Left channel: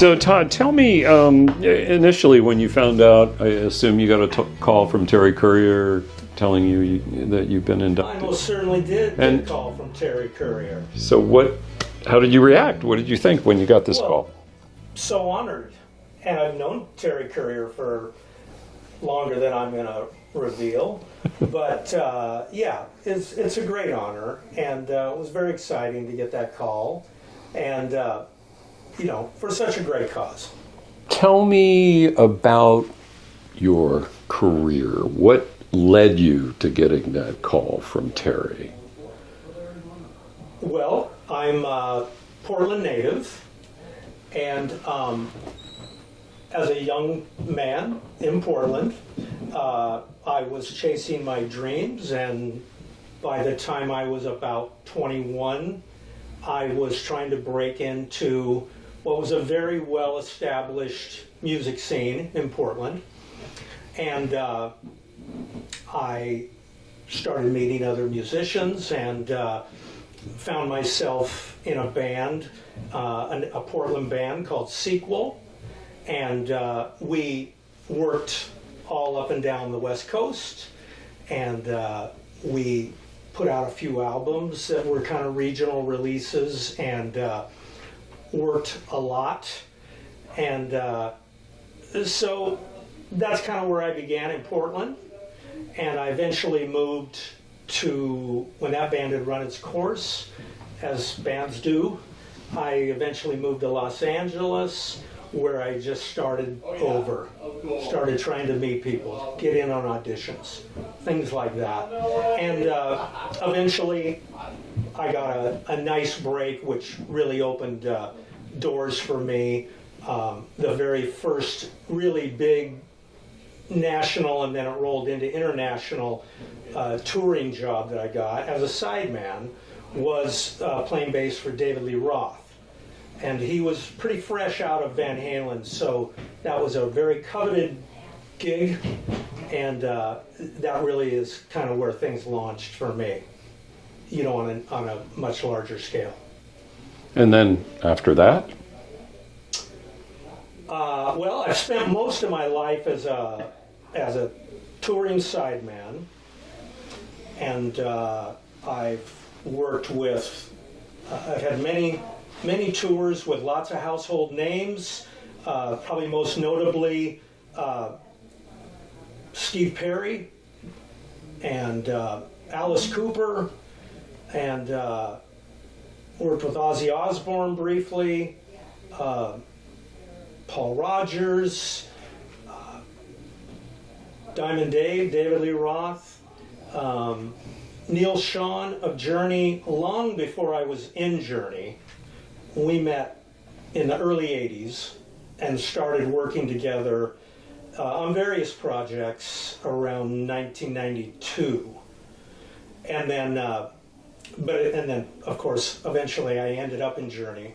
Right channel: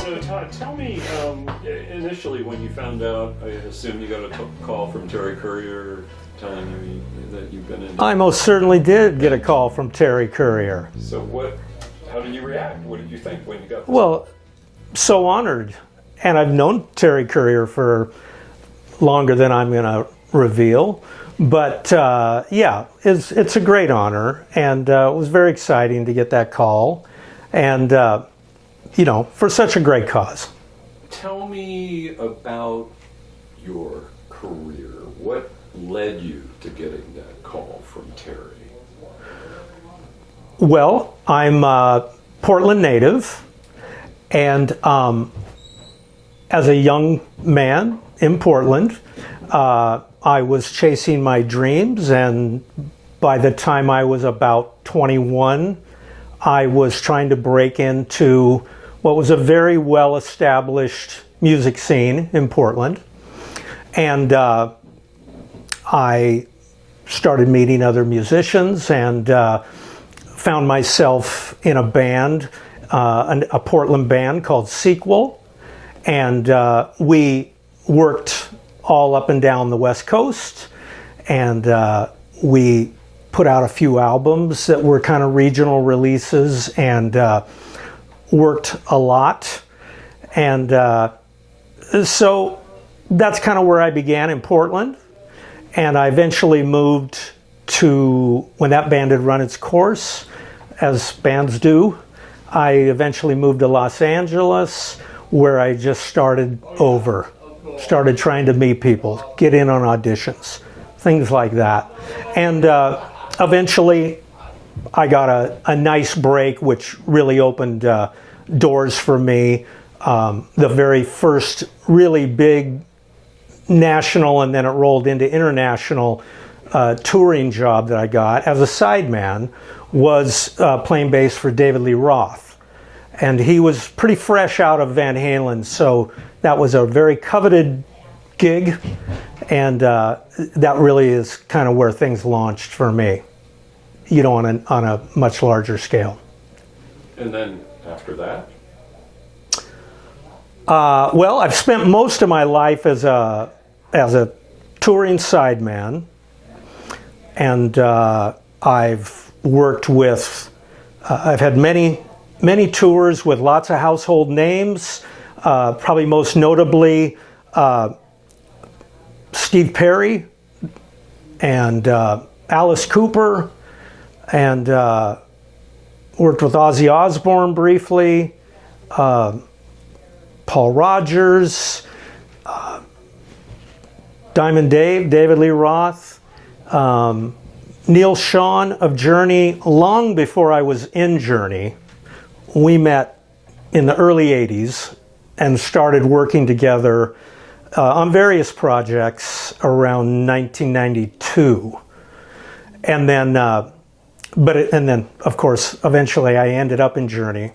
So Todd, tell me, initially when you found out, I assume you got a call from Terry Courier telling you that you've been inducted. I most certainly did get a call from Terry Courier. So how did you react? What did you think when you got this call? So honored. And I've known Terry Courier for longer than I'm going to reveal. But yeah, it's a great honor. And it was very exciting to get that call. And, you know, for such a great cause. Tell me about your career. What led you to getting that call from Terry? Well, I'm a Portland native, and as a young man in Portland, I was chasing my dreams, and by the time I was about 21, I was trying to break into what was a very well-established music scene in Portland, and I started meeting other musicians and found myself in a band, a Portland band called Sequel, and we worked all up and down the West Coast, and we put out a few albums that were kind of regional releases, and worked a lot. And so that's kind of where I began in Portland. And I eventually moved to, when that band had run its course, as bands do, I eventually moved to Los Angeles, where I just started over. Started trying to meet people, get in on auditions, things like that. And eventually I got a nice break, which really opened doors for me. The very first really big national, and then it rolled into international touring job that I got as a sideman was playing bass for David Lee Roth. And he was pretty fresh out of Van Halen, so that was a very coveted gig, and that really is kind of where things launched for me, you know, on a much larger scale. And then after that? Well, I've spent most of my life as a touring sideman, and I've worked with, I've had many tours with lots of household names, probably most notably Steve Perry and Alice Cooper, and worked with Ozzy Osbourne briefly, Paul Rogers, Diamond Dave, David Lee Roth, Neil Schon of Journey. Long before I was in Journey, we met in the early 80s and started working together on various projects around 1992. And then, and then of course, eventually I ended up in Journey.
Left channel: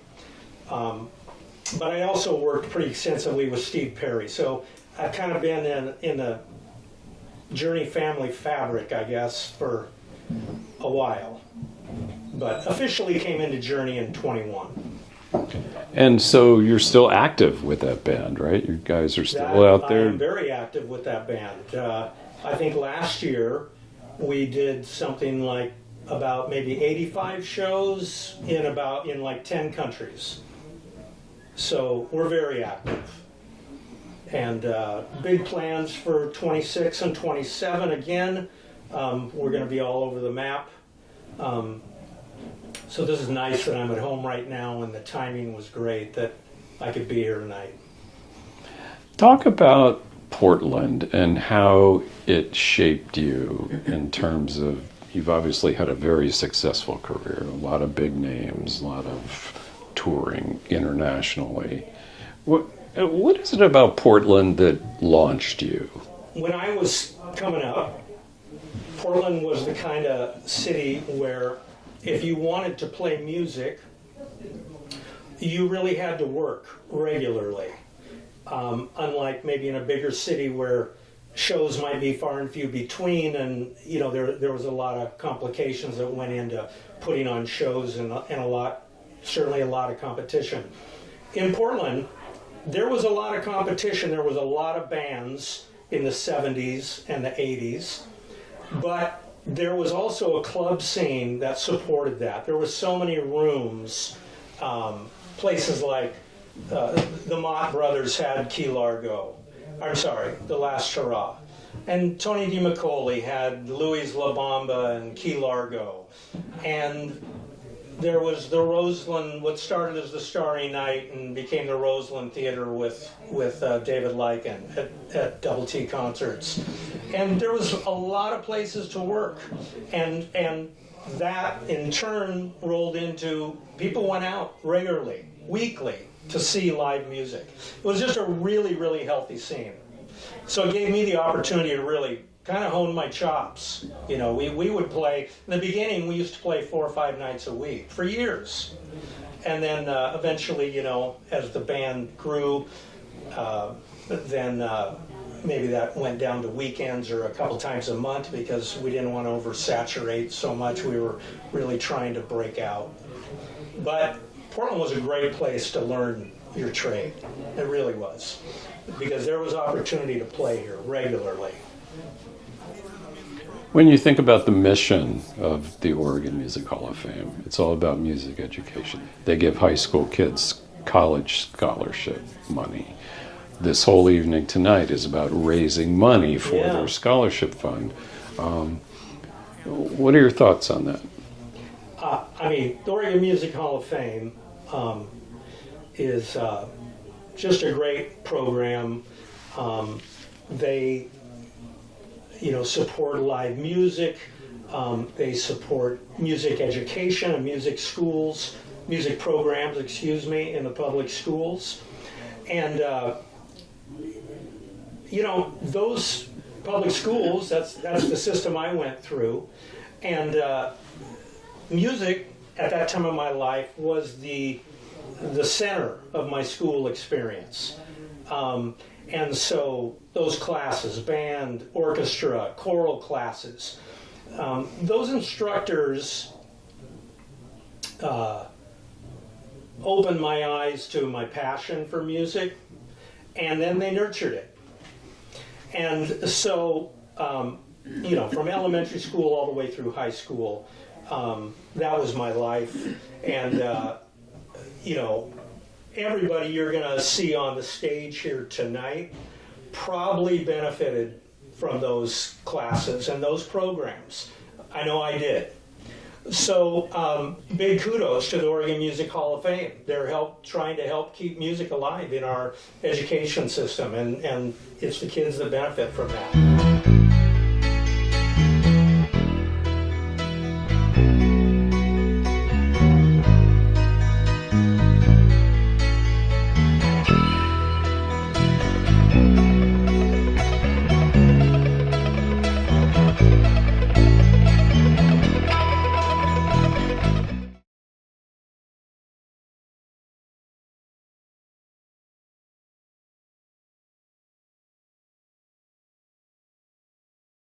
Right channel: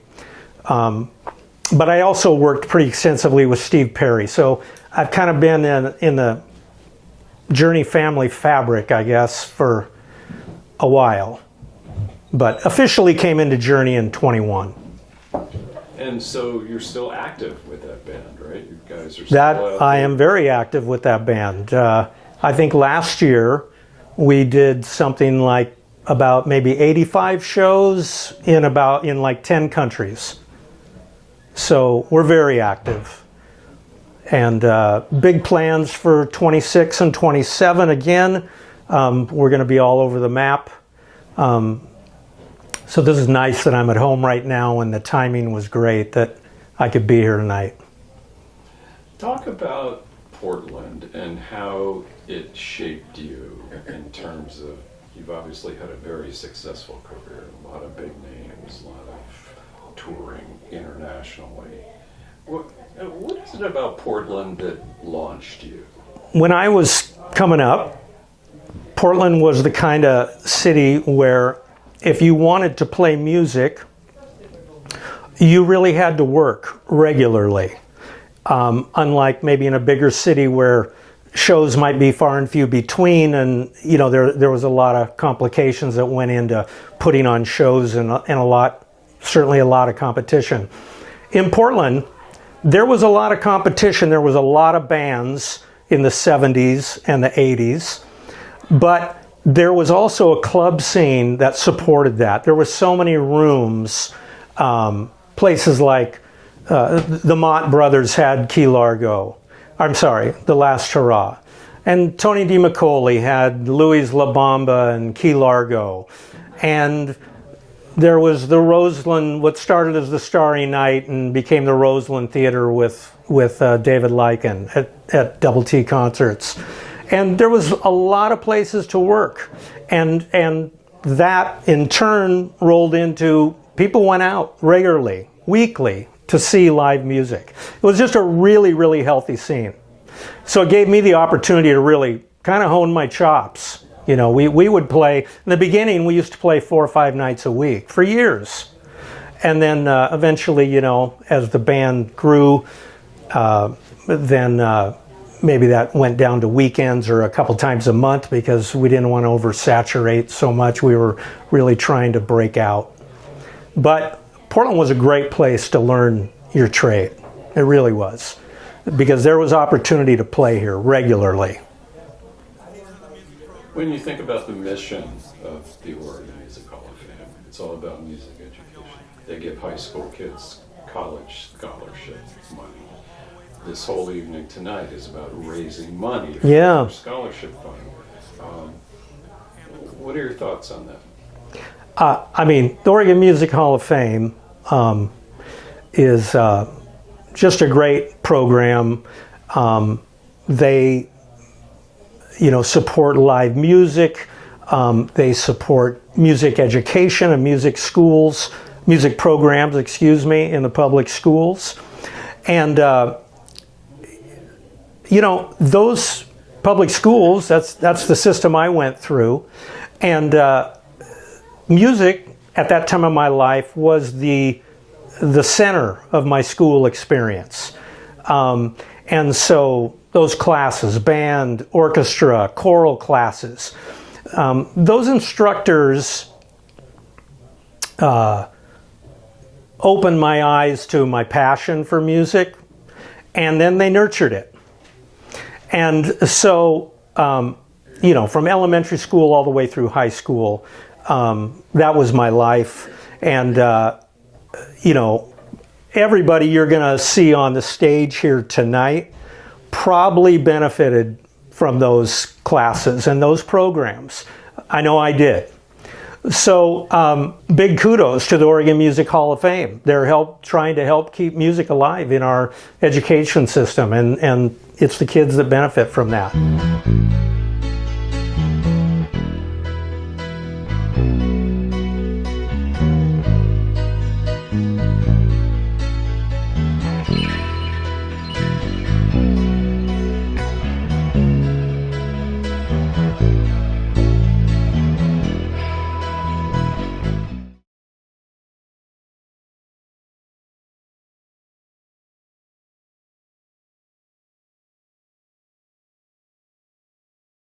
But I also worked pretty extensively with Steve Perry. So I've kind of been in the Journey family fabric, I guess, for a while. But officially came into Journey in 21. And so you're still active with that band, right? You guys are still out there? I am very active with that band. I think last year we did something like about maybe 85 shows in like 10 countries. So we're very active. And big plans for 26 and 27 again. We're going to be all over the map. So this is nice that I'm at home right now, and the timing was great that I could be here tonight. Talk about Portland and how it shaped you in terms of, you've obviously had a very successful career, a lot of big names, a lot of touring internationally. What is it about Portland that launched you? When I was coming up, Portland was the kind of city where if you wanted to play music, you really had to work regularly. Unlike maybe in a bigger city where shows might be far and few between, and you know there was a lot of complications that went into putting on shows, and certainly a lot of competition. In Portland, there was a lot of competition. There was a lot of bands in the 70s and the 80s, but there was also a club scene that supported that. There were so many rooms, places like the Mott Brothers had Key Largo. I'm sorry, The Last Hurrah. And Tony DiMacaulay had Louis La Bamba and Key Largo. And there was the Roseland, what started as the Starry Night and became the Roseland Theater with David Lycan at Double T concerts. And there was a lot of places to work. And that in turn rolled into people went out regularly, weekly, to see live music. It was just a really, really healthy scene. So it gave me the opportunity to really kind of hone my chops. You know, we would play, in the beginning we used to play 4 or 5 nights a week for years. And then eventually, you know, as the band grew, then maybe that went down to weekends or a couple times a month because we didn't want to oversaturate so much. We were really trying to break out. But Portland was a great place to learn your trade. It really was. Because there was opportunity to play here regularly. When you think about the mission of the Oregon Music Hall of Fame, it's all about music education. They give high school kids college scholarship money. This whole evening tonight is about raising money for their scholarship fund. What are your thoughts on that? I mean, the Oregon Music Hall of Fame is just a great program. They, you know, support live music. They support music education and music schools, music programs, excuse me, in the public schools. And, you know, those public schools, that's the system I went through. And music at that time of my life was the center of my school experience. And so those classes, band, orchestra, choral classes, those instructors opened my eyes to my passion for music, and then they nurtured it. And so, you know, from elementary school all the way through high school, that was my life. And you know, everybody you're going to see on the stage here tonight probably benefited from those classes and those programs. I know I did. So big kudos to the Oregon Music Hall of Fame. They're trying to help keep music alive in our education system, and it's the kids that benefit from that.